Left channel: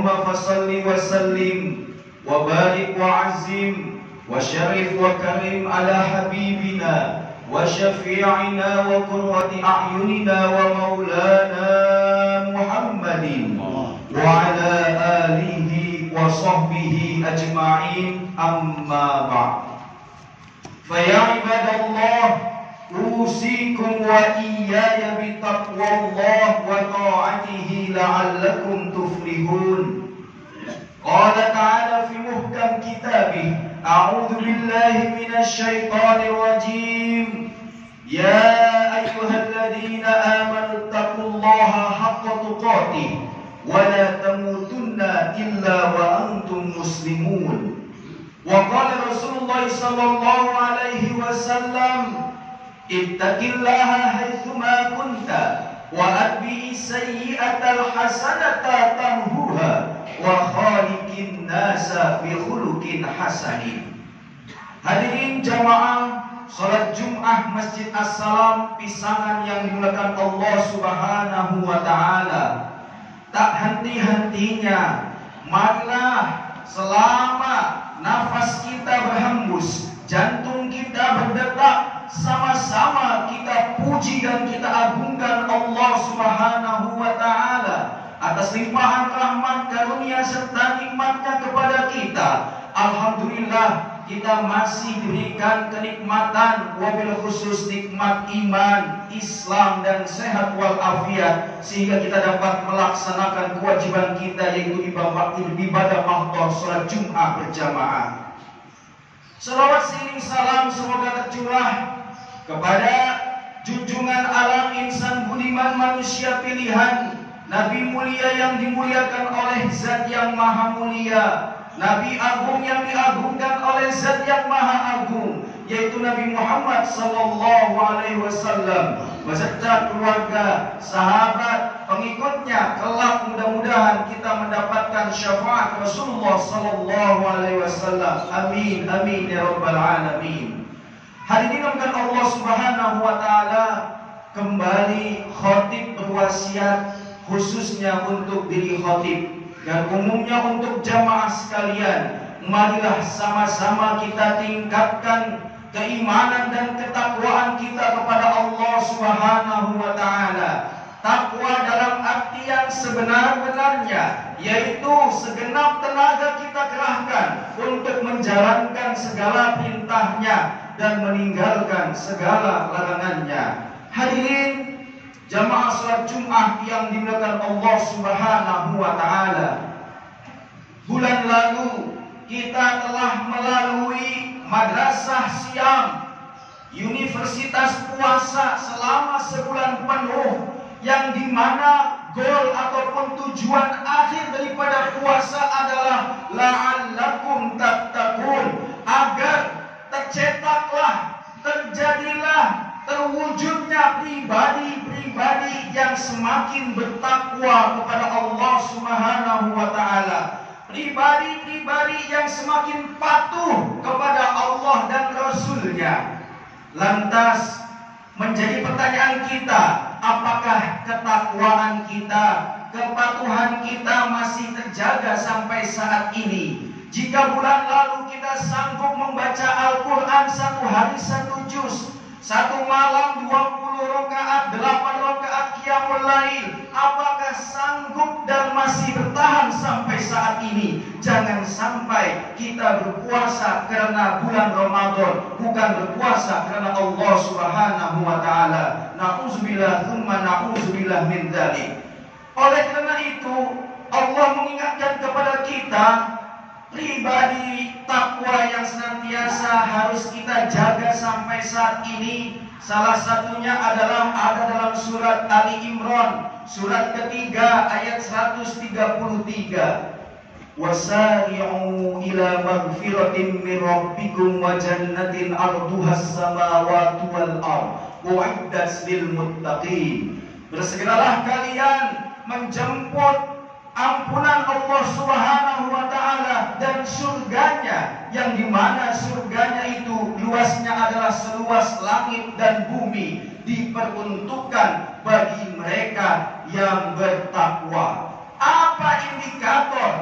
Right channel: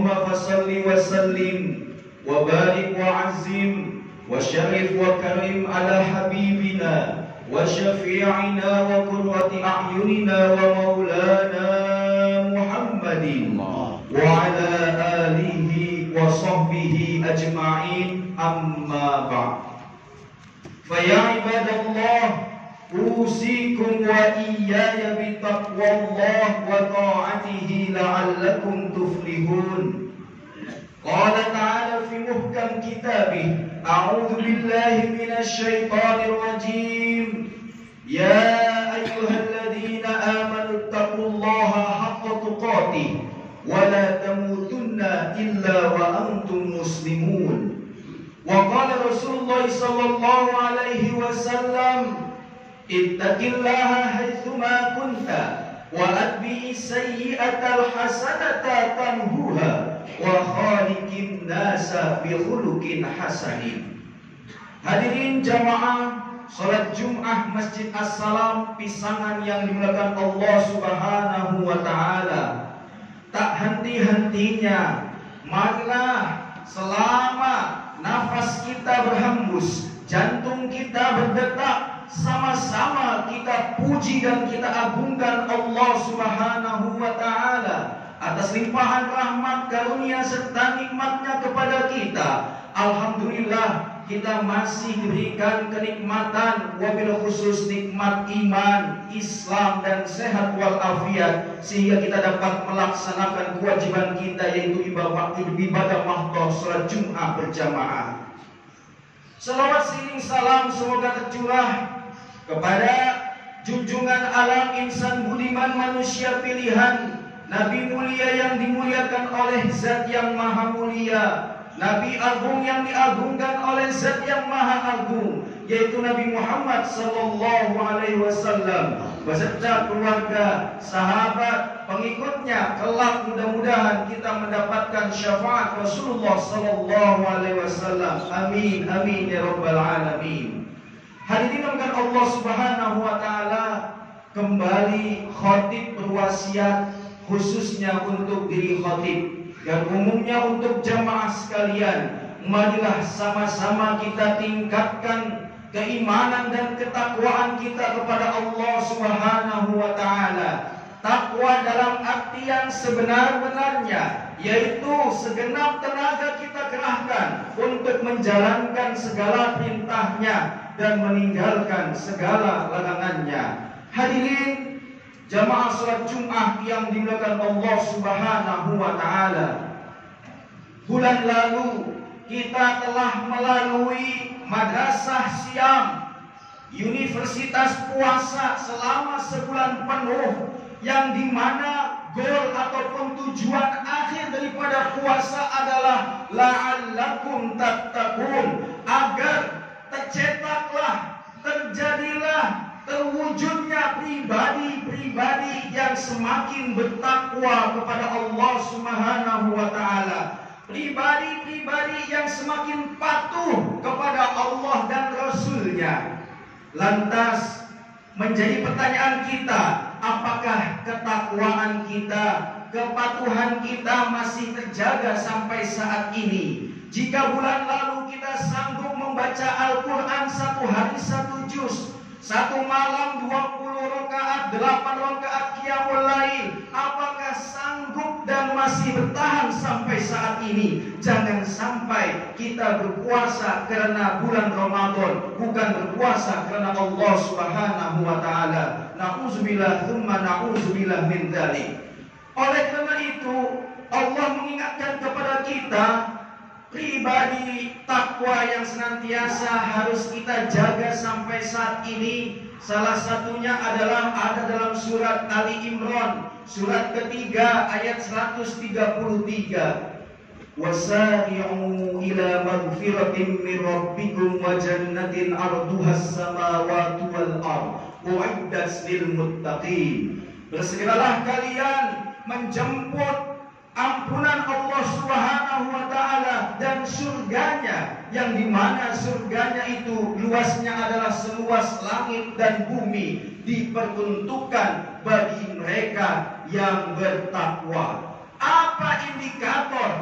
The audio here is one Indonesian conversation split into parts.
Allahumma fasalli wa sallim wa barik wa azim wa syarif wa karim ala habibina wa syafi'ina wa qurrati a'yunina wa maulana Muhammadin wa ala alihi wa sahbihi ajma'in, amma ba'd. Fa ya ibadallah, usikum wa iyaya bitaqwallah wa ta'atihi la'allakum tuflihun. Qala ta'ala fi muhkam kitabih, a'udhu billahi minasy syaithanir rajim. Ya ayyuhalladzina amanu taqullaha haqqa tuqatih wa la tamutunna illa wa antum muslimun. Wa qala Rasulullah sallallahu alaihi wasallam, ittaqillaha haitsuma kunta wa atbi'i sayyi'atal hasanata tamhuha wa khaliqin nasa bi khuluqin hasanin. Hadirin jamaah salat Jumat Masjid As-Salam Pisangan yang dimuliakan Allah Subhanahu wa taala, tak henti-hentinya marilah selama nafas kita berhembus, jantung kita berdetak, sama-sama kita puji dan kita agungkan Allah Subhanahu wa taala atas limpahan rahmat karunia serta nikmatnya kepada kita. Alhamdulillah, kita masih diberikan kenikmatan, wabil khusus nikmat iman, Islam dan sehat walafiat, sehingga kita dapat melaksanakan kewajiban kita, yaitu ibadah mahdoh salat Jumat berjamaah. Salawat siring salam semoga tercurah kepada junjungan alam insan budiman manusia pilihan, Nabi mulia yang dimuliakan oleh Zat yang maha mulia, Nabi agung yang diagungkan oleh Zat yang maha agung, yaitu Nabi Muhammad sallallahu alaihi wasallam beserta keluarga, sahabat, pengikutnya. Kelak mudah-mudahan kita mendapatkan syafaat Rasulullah sallallahu alaihi wasallam. Amin amin ya rabbal alamin. Hadirin dimulakan Allah Subhanahu wa taala, kembali khatib berwasiat khususnya untuk diri khatib dan umumnya untuk jamaah sekalian. Marilah sama-sama kita tingkatkan keimanan dan ketakwaan kita kepada Allah Subhanahu wa taala. Takwa dalam arti yang sebenar-benarnya, yaitu segenap tenaga kita kerahkan untuk menjalankan segala perintahnya dan meninggalkan segala larangannya. Hadirin jamaah salat Jumat yang dimuliakan Allah Subhanahu wa taala, bulan lalu kita telah melalui madrasah siam, universitas puasa selama sebulan penuh, yang dimana gol ataupun tujuan akhir daripada puasa adalah la'allakum tattaqun, agar tercetaklah, terjadilah, terwujudnya pribadi-pribadi yang semakin bertakwa kepada Allah Subhanahu wa taala, pribadi-pribadi yang semakin patuh kepada Allah dan Rasul-Nya. Lantas menjadi pertanyaan kita, apakah ketakwaan kita, kepatuhan kita masih terjaga sampai saat ini? Jika bulan lalu kita sanggup membaca Al-Quran satu hari satu juz, satu malam 20 rakaat, 8 rakaat qiyamul lail, apakah sanggup dan masih bertahan sampai saat ini? Jangan sampai kita berpuasa karena bulan Ramadan, bukan berpuasa karena Allah Subhanahu wa taala. Na'udzubillah tsumma na'udzubillah min dzalik. Oleh karena itu, Allah mengingatkan kepada kita pribadi takwa yang senantiasa harus kita jaga sampai saat ini. Salah satunya adalah ada dalam surat Ali Imran, surat ketiga ayat 133. Wasari'u ila maghfiratin min rabbikum wa jannatin 'arduhas samawati wal ardh u'iddat lil muttaqin. Bersegeralah kalian menjemput ampunan Allah Subhanahu wa taala dan surganya, yang dimana surganya itu luasnya adalah seluas langit dan bumi, diperuntukkan bagi mereka yang bertakwa. Apa indikator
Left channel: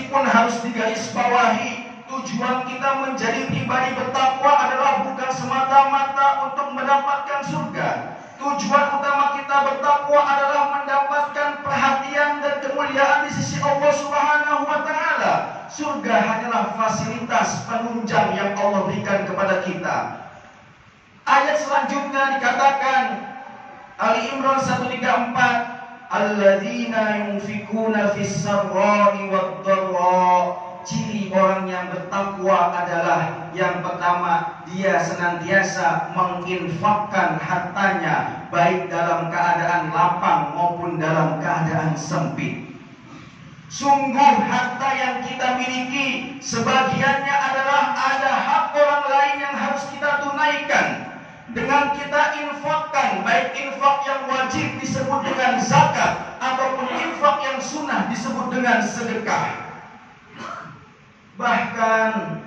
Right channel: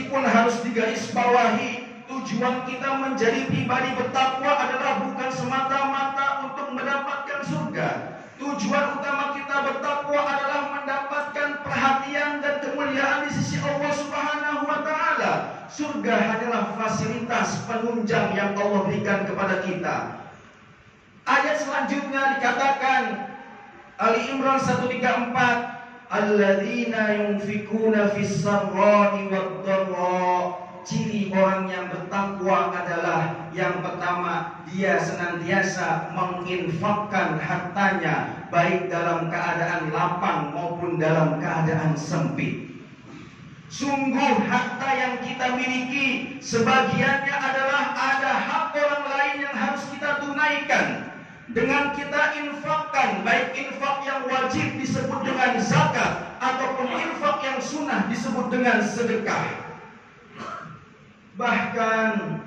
Meskipun harus digarisbawahi, tujuan kita menjadi pribadi bertakwa adalah bukan semata-mata untuk mendapatkan surga. Tujuan utama kita bertakwa adalah mendapatkan perhatian dan kemuliaan di sisi Allah Subhanahu wa Ta'ala. Surga hanyalah fasilitas penunjang yang Allah berikan kepada kita. Ayat selanjutnya dikatakan, Ali Imran 134, alladzina yunfikuna fis sarra'i wad dharra. Ciri orang yang bertakwa adalah yang pertama, dia senantiasa menginfakkan hartanya baik dalam keadaan lapang maupun dalam keadaan sempit. Sungguh harta yang kita miliki sebagiannya adalah ada hak orang lain yang harus kita tunaikan. Dengan kita infakkan, baik infak yang wajib disebut dengan zakat ataupun infak yang sunnah disebut dengan sedekah. Bahkan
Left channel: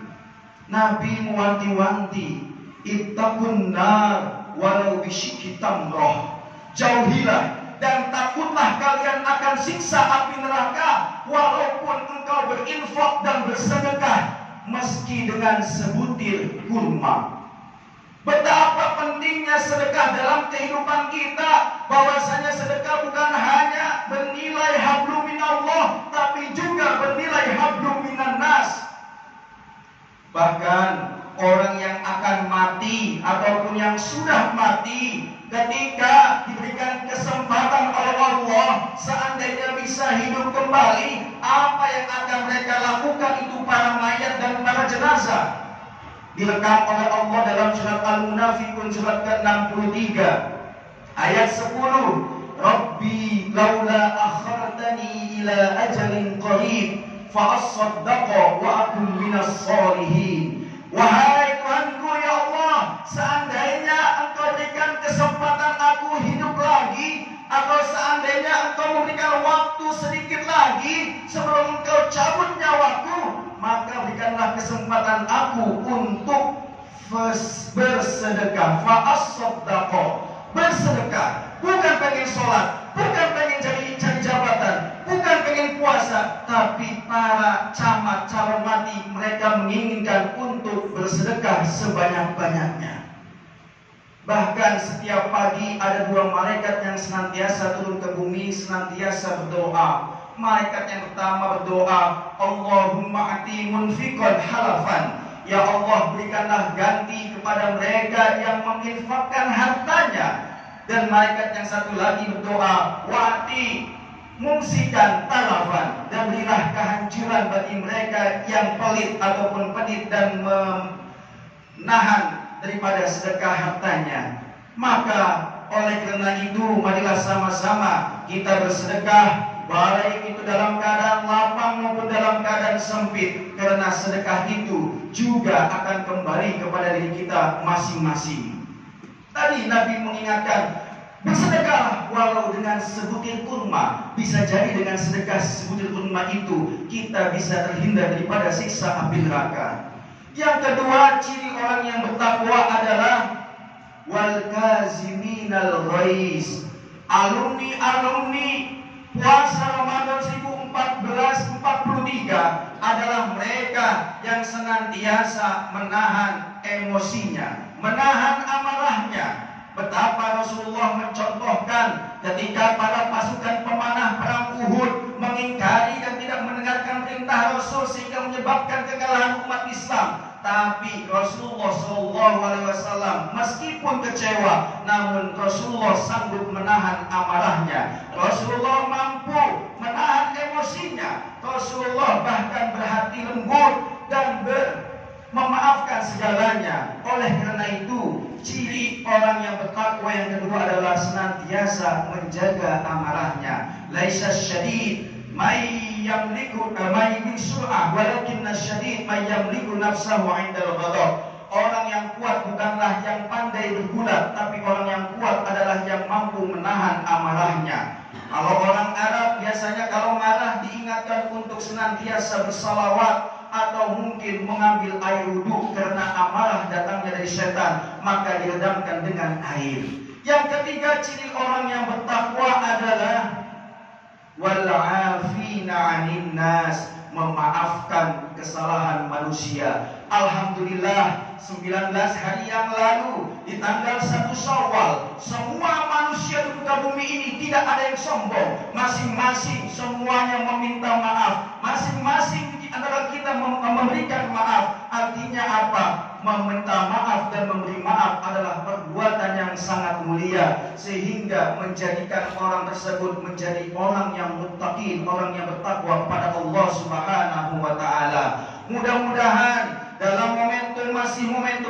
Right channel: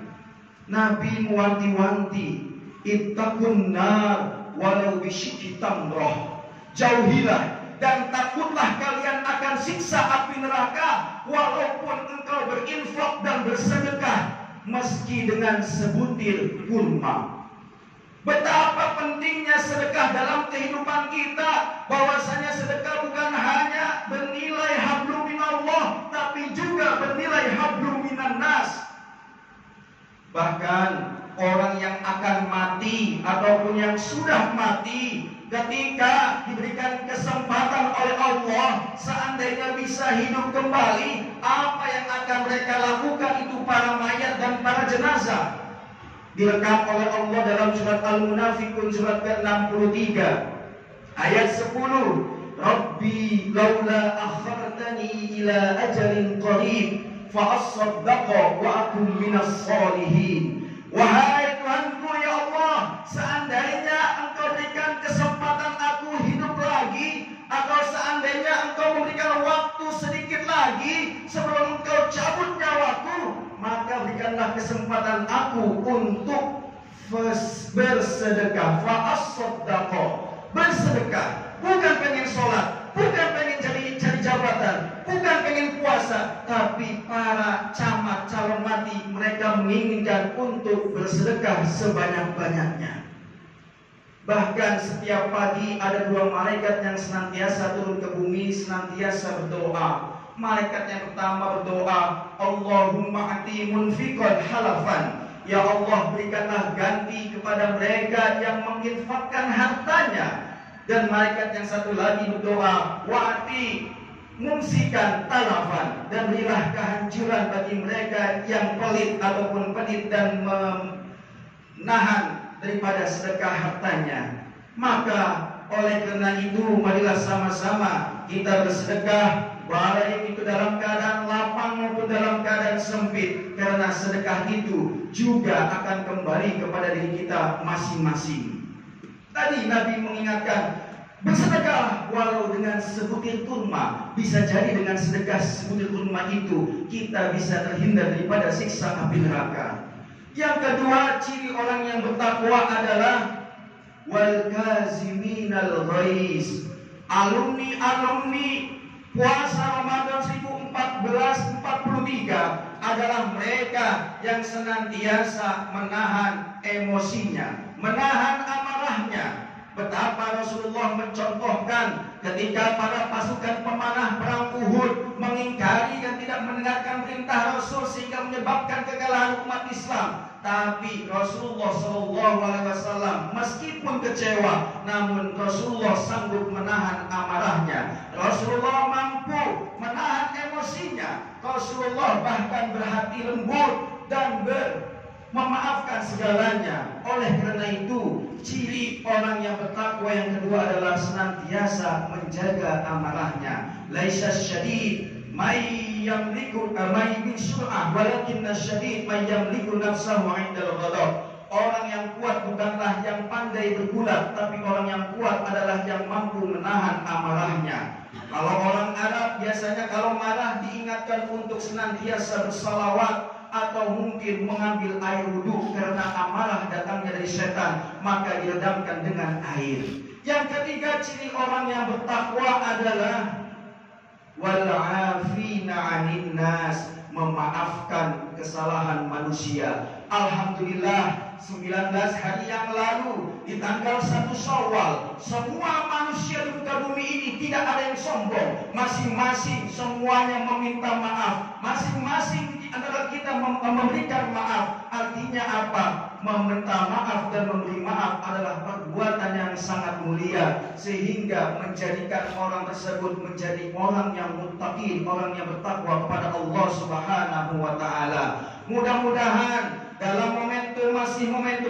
Nabi mewanti-wanti, ittaqun nar walau bisyikki tamrah. Jauhilah dan takutlah kalian akan siksa api neraka walaupun engkau berinfak dan bersedekah meski dengan sebutir kurma. Betapa pentingnya sedekah dalam kehidupan kita, bahwasanya sedekah bukan hanya bernilai hablum minallah, tapi juga bernilai hablum minan nas. Bahkan orang yang akan mati ataupun yang sudah mati, ketika diberikan kesempatan oleh Allah, seandainya bisa hidup kembali, apa yang akan mereka lakukan itu para mayat dan para jenazah? Direkam oleh Allah dalam surat Al-Munafiqun surat ke-63 ayat 10, Rabbi laula akhartani ila ajalin qarib fa asaddaqa wa akun minas sholihin. Wahai Tuhanku, ya Allah, seandainya engkau berikan kesempatan aku hidup lagi, atau seandainya engkau memberikan waktu sedikit lagi sebelum engkau cabut nyawaku, maka berikanlah kesempatan aku untuk bersedekah. Fa'as-saddaqa, bersedekah. Bukan pengen sholat, bukan pengen cari jabatan, bukan pengen puasa, tapi para camat calon mati mereka menginginkan untuk bersedekah sebanyak-banyaknya. Bahkan setiap pagi ada dua malaikat yang senantiasa turun ke bumi, senantiasa berdoa. Malaikat yang pertama berdoa, Allahumma ati munfiqan halafan. Ya Allah, berikanlah ganti kepada mereka yang menginfakkan hartanya. Dan malaikat yang satu lagi berdoa, wa'ati mumsikan talafan, dan berilah kehancuran bagi mereka yang pelit ataupun pedit dan menahan daripada sedekah hartanya. Maka oleh karena itu, marilah sama-sama kita bersedekah, baik itu dalam keadaan lapang maupun dalam keadaan sempit, karena sedekah itu juga akan kembali kepada diri kita masing-masing. Tadi Nabi mengingatkan, bersedekah walau dengan sebutir kurma. Bisa jadi dengan sedekah sebutir kurma itu kita bisa terhindar daripada siksa api neraka. Yang kedua, ciri orang yang bertakwa adalah wal kaziminal ghaiz. Alumni puasa Ramadan 1443 adalah mereka yang senantiasa menahan emosinya, menahan amarahnya. Betapa Rasulullah mencontohkan ketika para pasukan pemanah perang Uhud mengingkari dan tidak mendengarkan perintah Rasul sehingga menyebabkan kekalahan umat Islam. Tapi Rasulullah SAW meskipun kecewa, namun Rasulullah sanggup menahan amarahnya. Rasulullah mampu menahan emosinya. Rasulullah bahkan berhati lembut dan memaafkan segalanya. Oleh karena itu, ciri orang yang bertakwa yang kedua adalah senantiasa menjaga amarahnya. Laisa syadid may yamliku may sur'ah, walakinna syadid may yamliku nafsahu 'indal ghadab. Orang yang kuat bukanlah yang pandai bergulat, tapi orang yang kuat adalah yang mampu menahan amarahnya. Kalau orang Arab biasanya kalau marah diingatkan untuk senantiasa bersalawat atau mungkin mengambil air wudhu karena amarah datangnya dari setan, maka diredamkan dengan air. Yang ketiga, ciri orang yang bertakwa adalah wal 'afina 'anil nas. memaafkan kesalahan manusia. Alhamdulillah, 19 hari yang lalu di tanggal 1 Syawal, semua manusia di muka bumi ini tidak ada yang sombong. Masing-masing semuanya meminta maaf. Masing-masing di antara kita memberikan maaf. Artinya apa? Meminta maaf dan memberi maaf adalah perbuatan yang sangat mulia, sehingga menjadikan orang tersebut menjadi orang yang muttaqin, orang yang bertakwa kepada Allah Subhanahu wa taala. Mudah-mudahan dalam momentum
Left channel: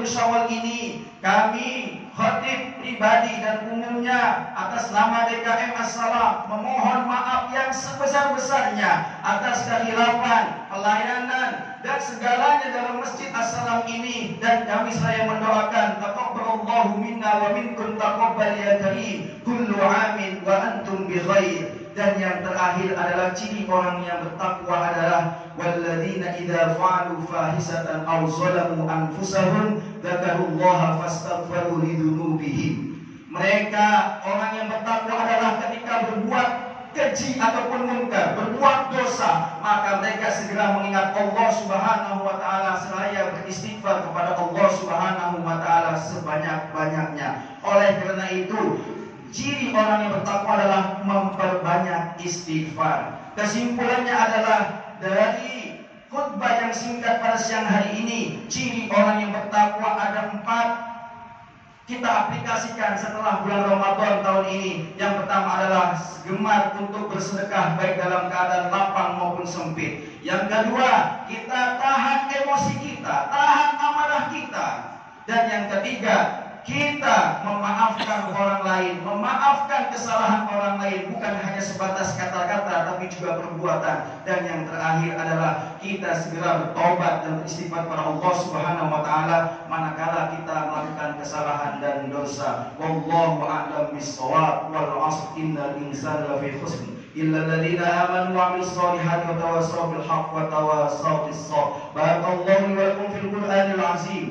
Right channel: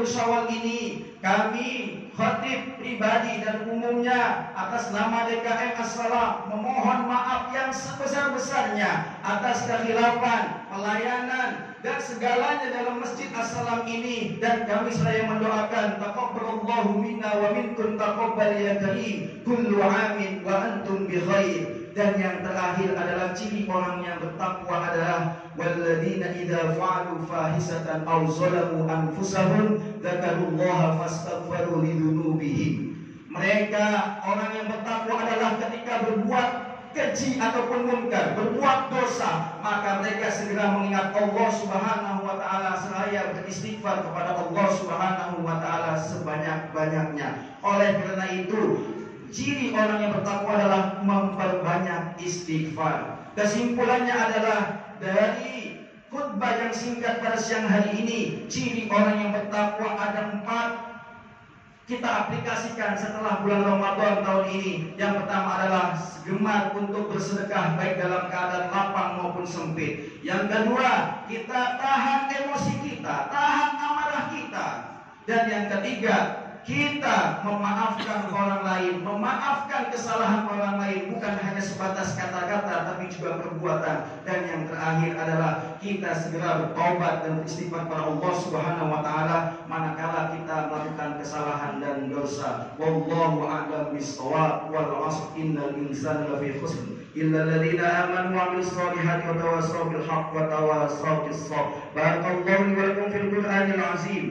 Syawal ini, kami khatib pribadi dan umumnya atas nama DKM As-Salam memohon maaf yang sebesar-besarnya atas kekhilafan, pelayanan dan segalanya dalam Masjid As-Salam ini, dan kami saya mendoakan taqabbalallahu minna wa minkum taqabbal ya karim, kullu amin wa antum bi khair. Dan yang terakhir adalah ciri orang yang bertakwa adalah walladzina idza fa'alu fahisatan aw zalamu anfusahum dzakarullaha fastaghfiru lidzunubihim. Mereka orang yang bertakwa adalah ketika berbuat keji ataupun munkar, berbuat dosa, maka mereka segera mengingat Allah Subhanahu wa taala seraya beristighfar kepada Allah Subhanahu wa taala sebanyak-banyaknya. Oleh karena itu, ciri orang yang bertakwa adalah memperbanyak istighfar. Kesimpulannya adalah dari khutbah yang singkat pada siang hari ini, ciri orang yang bertakwa ada 4. Kita aplikasikan setelah bulan Ramadan tahun ini. Yang pertama adalah gemar untuk bersedekah baik dalam keadaan lapang maupun sempit. Yang kedua, kita tahan emosi kita, tahan amarah kita. Dan yang ketiga, kita memaafkan orang lain, memaafkan kesalahan orang lain, bukan hanya sebatas kata-kata tapi juga perbuatan. Dan yang terakhir adalah kita segera bertobat dan beristighfar kepada Allah Subhanahu wa taala manakala kita melakukan kesalahan dan dosa. Wallahu a'lam bis-shawab. Wal 'asr innal insana lafi khusr illa alladziina aamanu wa 'amilus shalihati wa tawassaw bil haqqi wa tawassaw bis sabr. Barakallahu li wa lakum fil Qur'anil 'azim.